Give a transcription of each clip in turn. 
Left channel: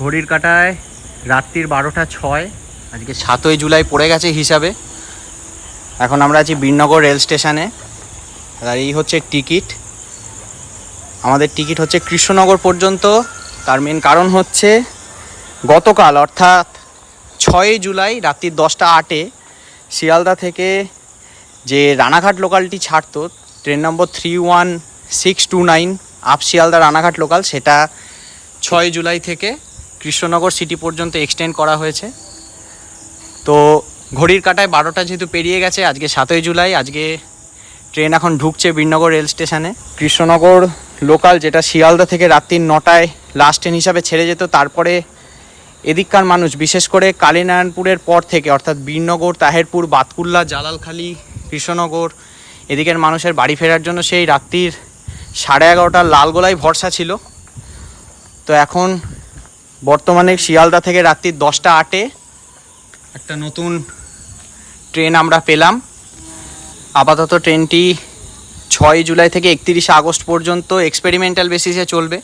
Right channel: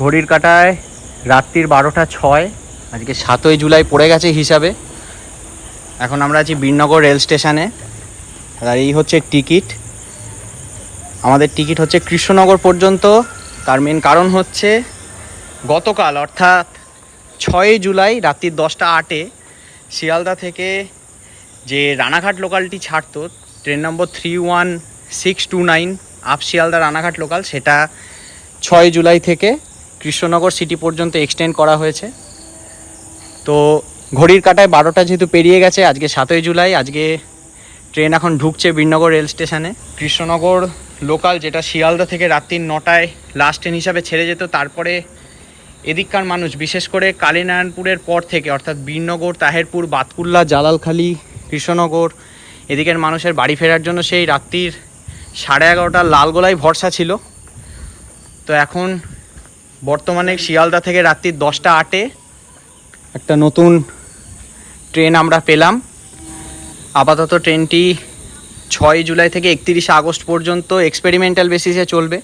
ঘড়ির কাঁটায় রাত্রির 12টা 6। আজকে 7ই জুলাই পড়ে গেছে হিসাবে। এখন আমরা আছি বীরনগর রেল স্টেশনে। আর এই হচ্ছে টিকিট। আমাদের টিকিট হচ্ছে কৃষ্ণনগর পর্যন্ত। তার মেন কারণ হচ্ছে গতকাল অর্থাৎ 6ই জুলাই রাত্রি 10টা 8-এ শিয়ালদা থেকে যে রানাঘাট লোকালটি ছাড়তো train number 31629 up Sealdah Ranaghat local, সেটা 6ই জুলাই থেকে কৃষ্ণনগর সিটি পর্যন্ত এক্সটেন্ড করা হয়েছে। তো ঘড়ির কাঁটায় 12টা যেহেতু পেরিয়ে গেছে, আজকে 7ই জুলাই, আজকে ট্রেন এখন ঢুকছে বীরনগর রেল স্টেশনে। কৃষ্ণনগর লোকাল যেটা শিয়ালদা থেকে রাত্রি 9টায় লাস্ট ট্রেন হিসাবে ছেড়ে যেত, তারপরে এদিককার মানুষ বিশেষ করে কালীনারায়ণপুরের পর থেকে অর্থাৎ বীরনগর, তাহেরপুর, বাতকুল্লা, জালালখালি, কৃষ্ণনগর এদিকের মানুষের বাড়ি ফেরার জন্য সেই রাত্রির 11:30 লালগোলায় ভরসা ছিল। তো এখন বর্তমানে শিয়ালদা থেকে রাত্রি 10টা 8-এ একটা নতুন ট্রেন আমরা পেলাম। আপাতত ট্রেনটি 6ই জুলাই থেকে 31শে আগস্ট পর্যন্ত এক্সপেরিমেন্টাল বেসিসে চলবে।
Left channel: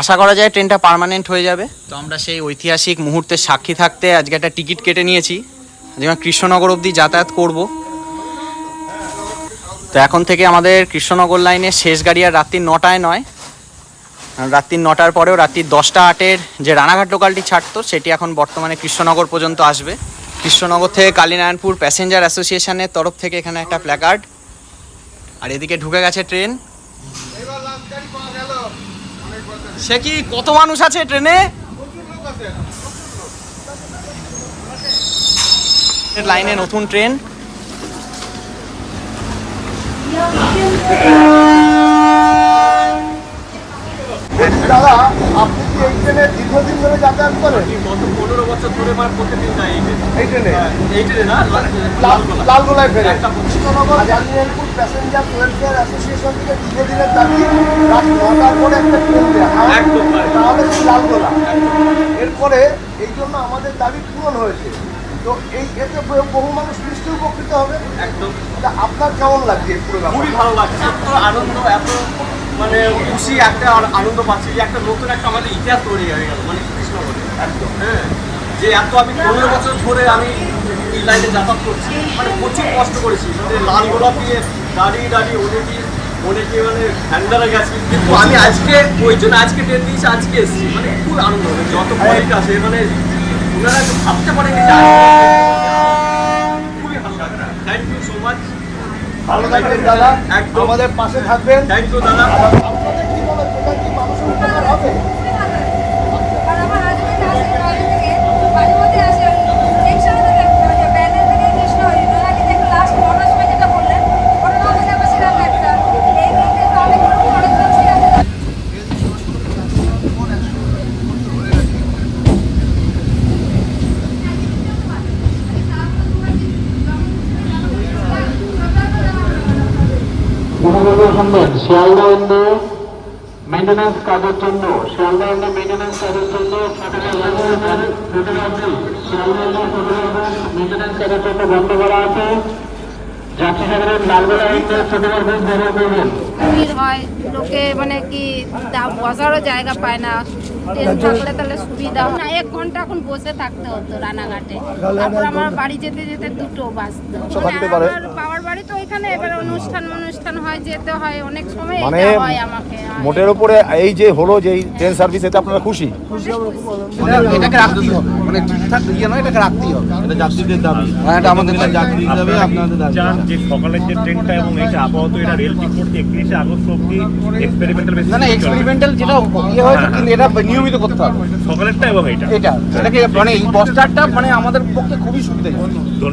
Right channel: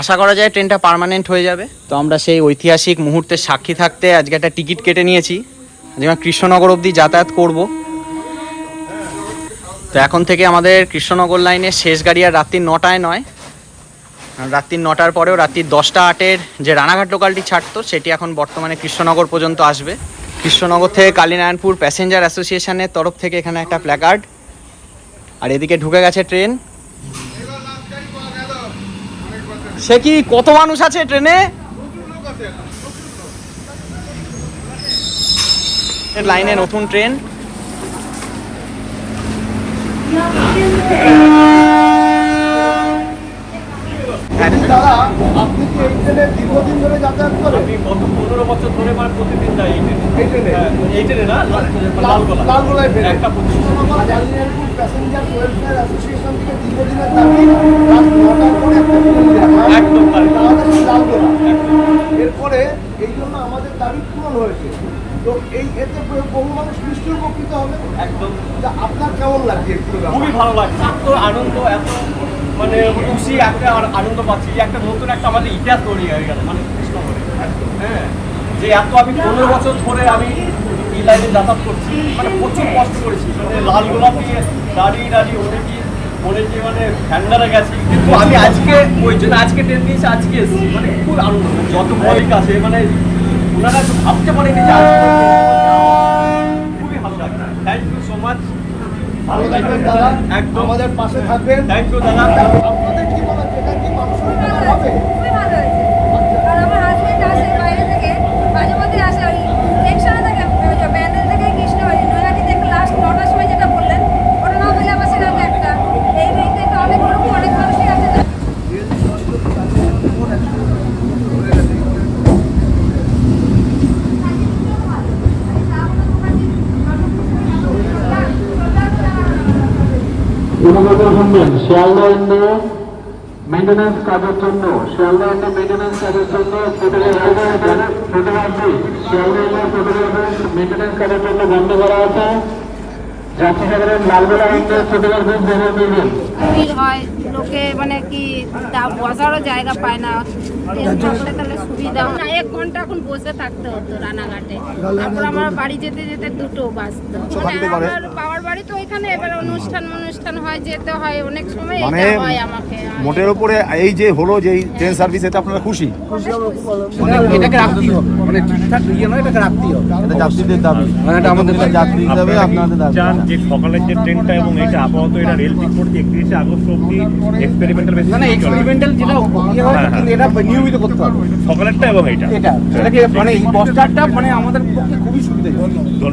আশা করা যায় ট্রেনটা পার্মানেন্ট হয়ে যাবে। তো আমরা সেই ঐতিহাসিক মুহূর্তের সাক্ষী থাকতে আজকে একটা টিকিট কেটে নিয়েছি, যেমন কৃষ্ণনগর অবধি যাতায়াত করব। তো এখন থেকে আমাদের কৃষ্ণনগর লাইনের শেষ গাড়ি আর রাত্রি 9টায় নয়, রাত্রি 9টার পরেও রাত্রি 10টা 8-এর যে রানাঘাট লোকালটি ছাড়তো সেটি এখন বর্তমানে কৃষ্ণনগর পর্যন্ত আসবে। কৃষ্ণনগর থেকে কালীনারায়ণপুর প্যাসেঞ্জার অ্যাসোসিয়েশনের তরফ থেকে এখানে একটা প্ল্যাকার্ড। আর এদিকে ঢুকে গেছে ট্রেন। সে কি কত মানুষ আছে ট্রেনে? লাইনে নতুন ট্রেন। দাদা, আপনি কি এই ট্রেনে দীর্ঘদিন ধরে যাতায়াত করেন? আমি গত 15 বছর ধরে মানে প্রতিদিন যাই এই ট্রেনে। এই ট্রেনে না, লালগোলায় একটা Krishnanagar Kalinarayanpur passenger welfare association থেকে দীর্ঘদিনের দাবি রাত 9টার পরে একটা ট্রেন দেওয়া। একদম আমাদের লালগোলা। এরপরে এই জন্য আমাদের দাবি পূরণ হয়েছে। তো এই এতে বহু মানুষ নিশ্চয়ই উপকৃত হবে। একদম। আপনার কেমন লাগছে? খুবই ভালো লাগছে, এত আনন্দ, এত মানে খুশি, একটা আনন্দ পাচ্ছি যে একটা নতুন একটা আমাদের ইতিহাস তৈরি হয়ে গেল মানে কৃষ্ণনগরে। হ্যাঁ, যে এত আমি 15 বছর ধরে আমি এই লাইনে যাতায়াত করছি, মানে প্রচুর কষ্ট করেছি, মানে লালগোলা দিয়ে দাঁড়িয়ে অনেকে মানে ঠান্ডারে গেছি, কিন্তু আমি আজকে ওই জন্য আজকে ট্রেন দিয়েছি, আজকে এসেছি, মানে খুব আনন্দ হবে। যত কলিগ আছে মানে ওনারা একটু ভাবতে পারেনি যে খুবই ভালো লাগছে। Thank you so much. ভালো থাকবেন দাদা, একদম আমাদের পাশে থাকবেন। থ্যাংক ইউ দাদা। আপনাদের কি মনে হয় এটা কি মানুষের উপকার হবে? শিয়ালদা ইন্ডো মেইনটেন্যান্স কাজের জন্য শিয়ালদা ইন্ডো মেইনটেন্যান্স কাজের জন্য শিয়ালদা ইন্ডো মেইনটেন্যান্স কাজের জন্য বন্ধ করা আছে। যাত্রী সাধারণ লালগোলা ইন্ডো ছোটবার খুব ব্যবহার করবেন। ভিড় হয়, লোকে মানে কি বসারও জায়গা পায় না। ট্রেন থাকলে তাহলে সুবিধা না। 1 ঘন্টা এখন বসে থাকতে হতো রানাঘাটে, তারপর আমার বাড়ি যেতে যেতে 2টো বাজতো। মানে আমার বাবার বাড়ি তো এখানে, এবার অনুষ্ঠান হয়, যেতে হয়, অনেক সময় এটা হয় আমাকে। মোটের উপরে এই যে হলো যে ট্রেন সার্ভিস, এতে আপনারা খুশি? এটাকে রাখতেই হবে, মানে ঠিকঠাক ইয়ে নয়, এটাকে রাখতেই হবে। এটা যাত্রীদের দাবি, মানে এটা আমাদের যাত্রীদের দাবি, আপনাদের দাবি। যে সকালের যে ট্রেনটা এবং এটা আপাতত এটা রেল ঠিক করতে 31শে আগস্ট অব্দি এক্সপেরিমেন্টাল বেসিস। না এক্সপেরিমেন্টাল যেটা ইয়ে হয়েছে, কিন্তু এটা নিয়মিত করতে হবে সকালেরটা এবং এটাকে মানে এই বস্টারটা মানে আমাদের পক্ষে খুবই সুবিধা।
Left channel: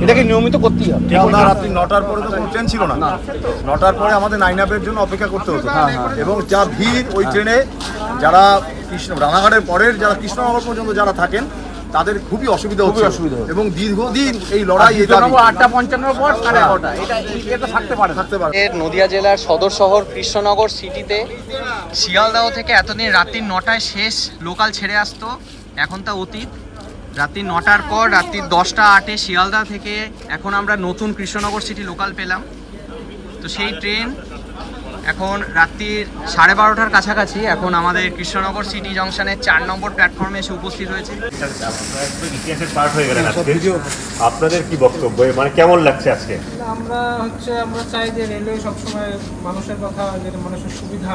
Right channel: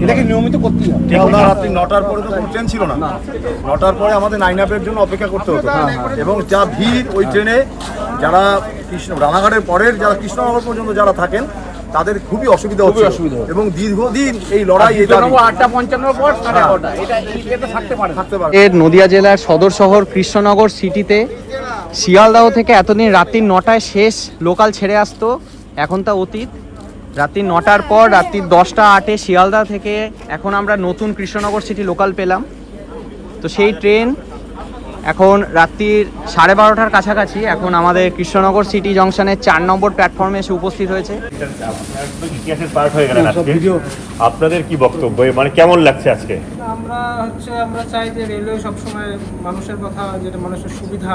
এটাকে নিয়মিত করতেই হবে। রাত্রি 9টার পরে তো কোনো ট্রেন ছিল না। 9টার পরে আমাদের 9 এর জন্য অপেক্ষা করতে হতো। এবং যা ভিড় ওই ট্রেনে, যারা রানাঘাটের পরের যারা কৃষ্ণনগর পর্যন্ত যারা থাকেন তাদের খুবই অসুবিধা হচ্ছে। এবং দীর্ঘদিন এই লড়াই, 8:55 পর 11:30 এটা থাকতে পারে। নদিয়া জেলার সদর শহর কৃষ্ণনগর সিটিতে শিয়ালদাহ থেকে এতদিন রাত্রি 9টায় শেষ লোকাল ছেড়ে আসতো, এখন তা অতীত। রাত্রি 9টার পর রাত্রি 10টা 8-এ শিয়ালদা থেকে এখন আমরা নতুন কৃষ্ণনগর সিটি লোকাল পেলাম। তো সেই ট্রেন এখন রাত্রির 12:30টার কাছাকাছি। এখন আমাদের কৃষ্ণনগর সিটি জংশনের 4 নম্বর প্ল্যাটফর্মে এসে উপস্থিত হয়েছে। ইতিহাসের পার্ট হয়ে গেলেন আজকে। আপনাদের কি বক্তব্য, মানে কেমন লাগছে আজকে? আমরা চাই যে রেলওয়ে সবসময় মানুষের কথা, যেটা মানুষের সুবিধা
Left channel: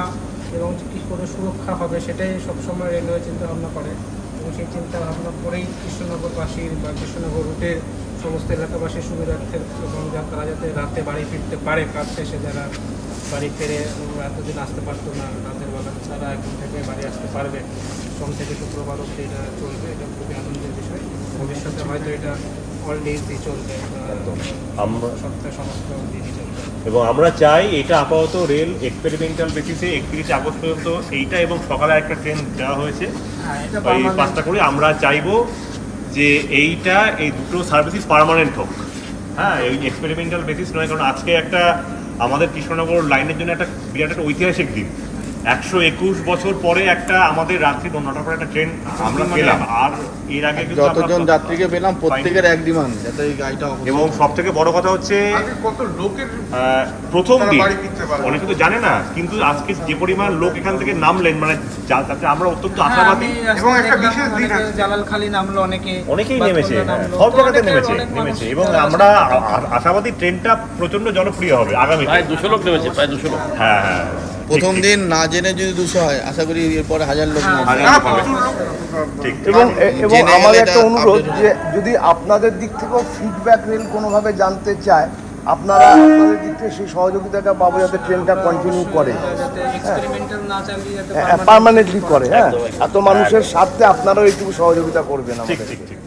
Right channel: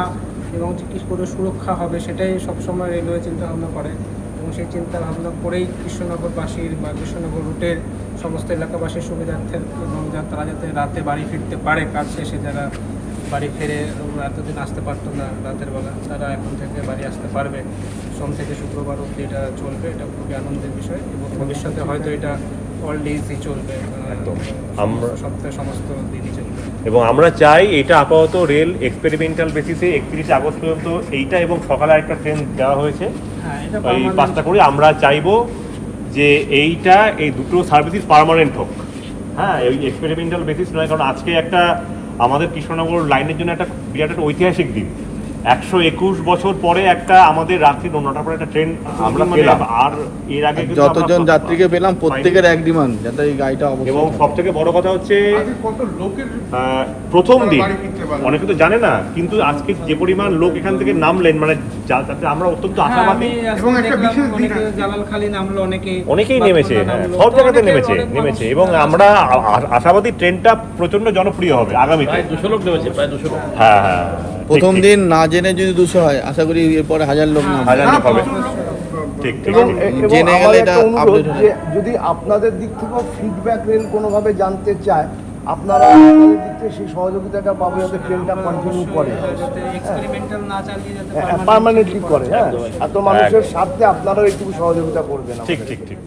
এবং কী করে সুরক্ষা হবে সেটাই সবসময় রেলওয়ে চিন্তা ভাবনা করে, এবং সেই চিন্তা ভাবনা করেই কৃষ্ণনগরবাসীর বা কৃষ্ণনগর রুটের সমস্ত এলাকাবাসীর সুবিধার্থে এবং তারা যাতে রাতে বাড়ি ফিরতে পারে, কাজ শেষে যারা বাড়ি ফেরে এতদিন আসতে পারতো না রাতের বেলা, তারা এখন থেকে বাড়ি আসতে পারবে। সোম থেকে শুক্রবার অবধি এটা চলবে, এটা খুবই আনন্দের বিষয় এবং ভবিষ্যতে হয়তো এটা অল ডেজই চলবে, সপ্তাহে সমস্ত দিনই চলবে। এবং আমরা চাই এটা আপাতত রেল এক্সপেরিমেন্টাল বেসিসে 31 আগস্ট পর্যন্ত এইটা, এবং সকালে একটা ট্রেন দেওয়া হয়েছে ওই 5টা করে। আমরা চাইবো যে এইটা, এই দুটো সার্ভিসেস পার্মানেন্ট হোক। হ্যাঁ, এই এক্সপেরিমেন্টাল বেসিস নয়, কারণ আজকে একটা আমাদের কৃষ্ণনগর লাইনের জন্য একটা বিরাট একটা ঐতিহাসিক দিন। 121 বছর পরে একটা আমাদের রাত্রি 9টার পরে একটা ট্রেন আমরা পেলাম। আর এর আগে কিন্তু যতজন যাত্রীকে পেলাম প্রত্যেকের এক ডিমান্ড যাতে এই গাড়িটা এবং সব থেকে বড় কথা হচ্ছে প্রথম দিন অনেকে তো জানে না, কিন্তু আজকে যে পরিমাণ লোক এখান থেকে নামলেন, মানে যাতে আমরা অত্যন্ত আশাবাদী। জালালখালী নামলো, অনেকেই নেমেছে, সব জায়গাতে নেমেছে এবং আমরা আশাবাদী ট্রেনটা প্রচন্ড জনপ্রিয় হবে আগামীতে। 200 লোক নেমেছে, প্রায় 200 লোক। হ্যাঁ হ্যাঁ, প্রথম দিন না জেনে যদি 200 হয়, আশা করি এরপরে 1000 লোক ঠিক। এবং আমার একটা অনুরোধ যে যদি আপনাদের দিক থেকেও ফিডব্যাক রেল কোনোভাবে জানতে চায়, আপনারা আপনাদের দিক থেকে সেই সহযোগিতাটা পাবো যাতে ট্রেনটা কন্টিনিউ করে, পার্মানেন্টলি করে। হ্যাঁ, এত মানুষের স্বার্থে আপনারাও একটু সহযোগিতা করবেন। ঠিক ঠিক ঠিক।